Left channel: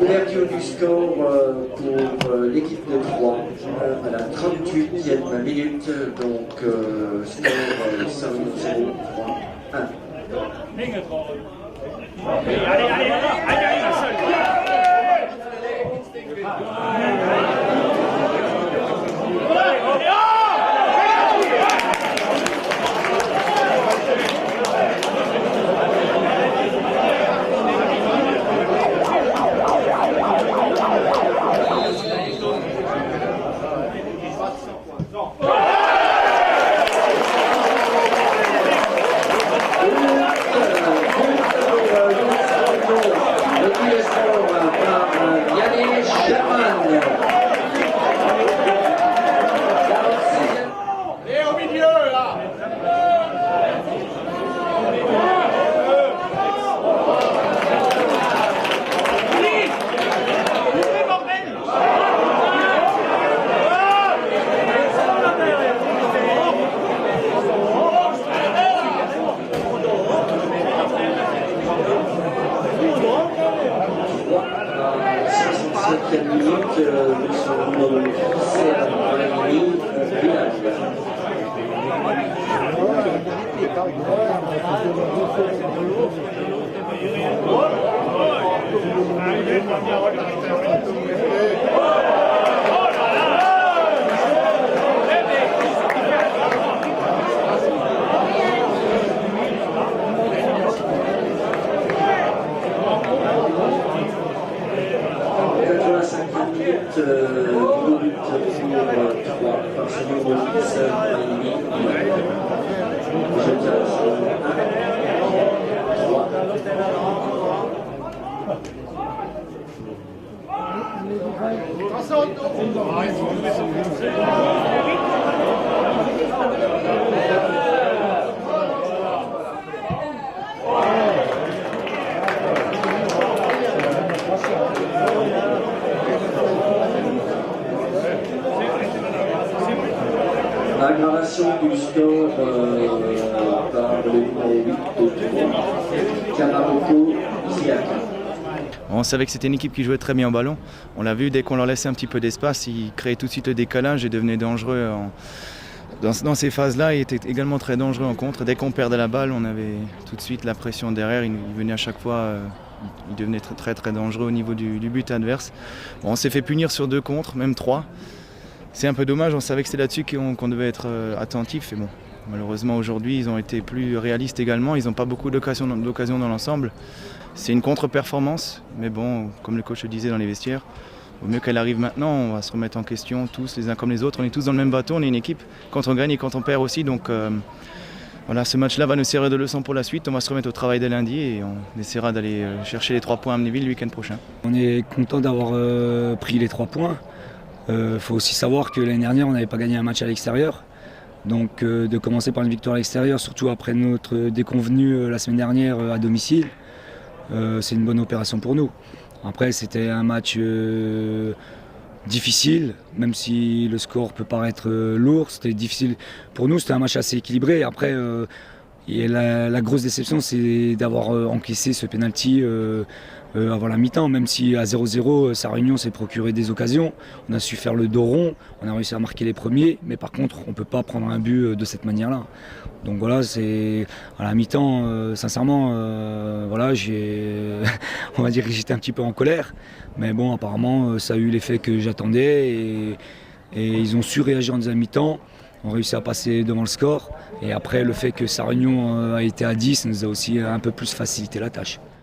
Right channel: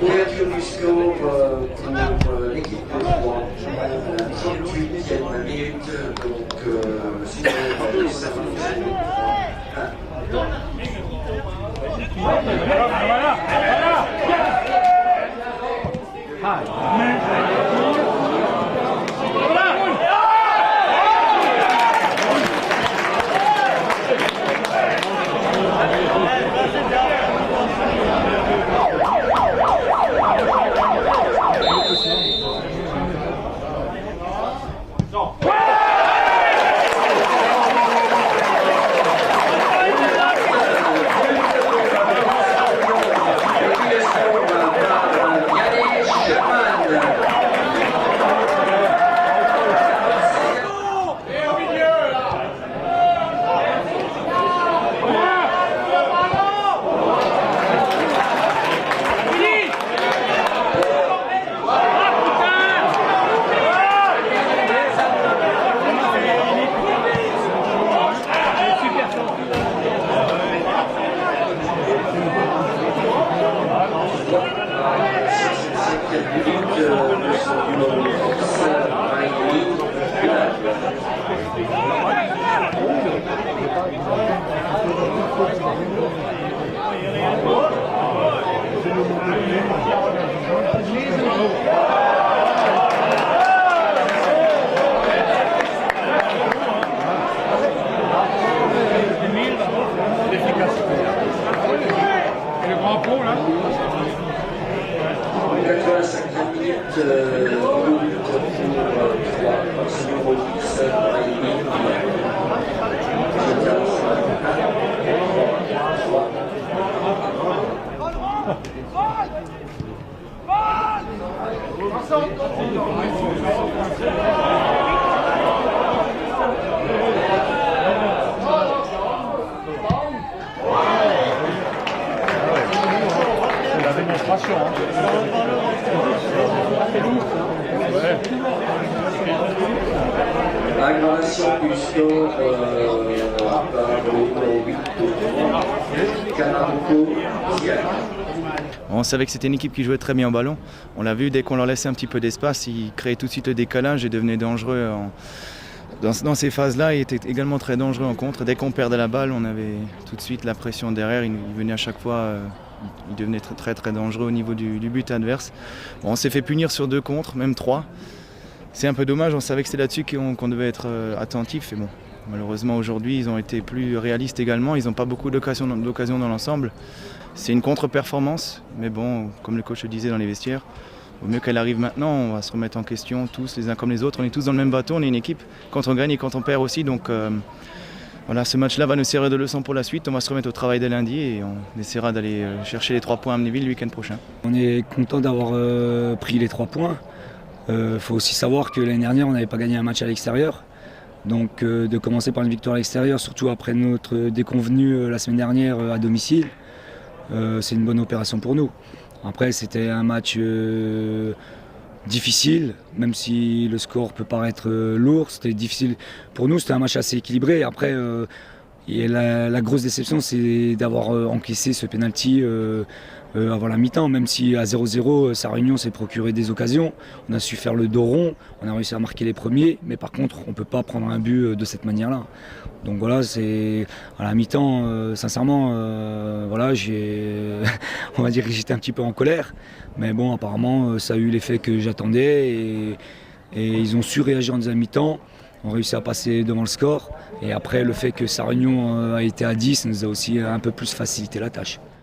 Ouverture du score pour l'équipe de Troyes à la 38e minute, donc score Sarre-Union 8. On savait que c'était une équipe qui jouait très bien au ballon. On l'a vu, dès qu'on leur laissait un petit peu d'espace, ils créaient tout de suite le décalage et devenaient dangereux. Dans ces phases-là, ils étaient également très dangereux en contre. Dès qu'on perdait la balle, on avait tout de suite la pression derrière. Ils venaient à chaque fois, ils devenaient très, très dangereux au niveau du but adverse. Bon, on s'est fait punir sur 2 contre, même 3. C'est un peu dommage, on savait que c'était là-dessus qu'on devait être attentif. Et bon, malheureusement aujourd'hui, ils ont été plus réalistes également. Ils n'ont pas beaucoup d'occasions dans l'ensemble. C'est une contre-performance, mais bon, comme le coach le disait dans les vestiaires, au mieux qu'elle arrive maintenant, on va se remettre en question tous les uns comme les autres. On est tous dans le même bateau, on est une équipe. Quand on gagne et quand on perd aussi, donc voilà, ce match-là va nous servir de leçon pour la suite. On va se remettre au travail dès lundi et on essaiera d'aller chercher les 3 points à Amnéville le week-end prochain. On est content d'avoir pris les 3 points. Faut aussi savoir que l'année dernière, on n'avait pas gagné un match à l'extérieur. Donc de commencer par une victoire à l'extérieur, surtout après notre déconvenue la semaine dernière à domicile, c'est une bonne opération pour nous. Après, c'était un match difficile, même si le score peut paraître lourd, c'était difficile. Pour nous, c'était un match assez équilibré. Après, la grosse déception, c'est d'avoir encaissé ce penalty avant la mi-temps, même si à 0-0, Sarre-Union s'est procuré des occasions. On a su faire le dos rond, on a réussi à marquer les premiers, mais par contre, on ne peut pas prendre un but de cette manière-là. Donc voilà, c'est à la mi-temps, sincèrement, voilà, on va dire que j'étais un petit peu en colère, mais bon, apparemment, ça a eu l'effet que j'attendais et ils ont su réagir en deuxième mi-temps. On a réussi à passer devant le score et après le fait que Sarre-Union a été à 10 nous a aussi un peu plus facilité la tâche.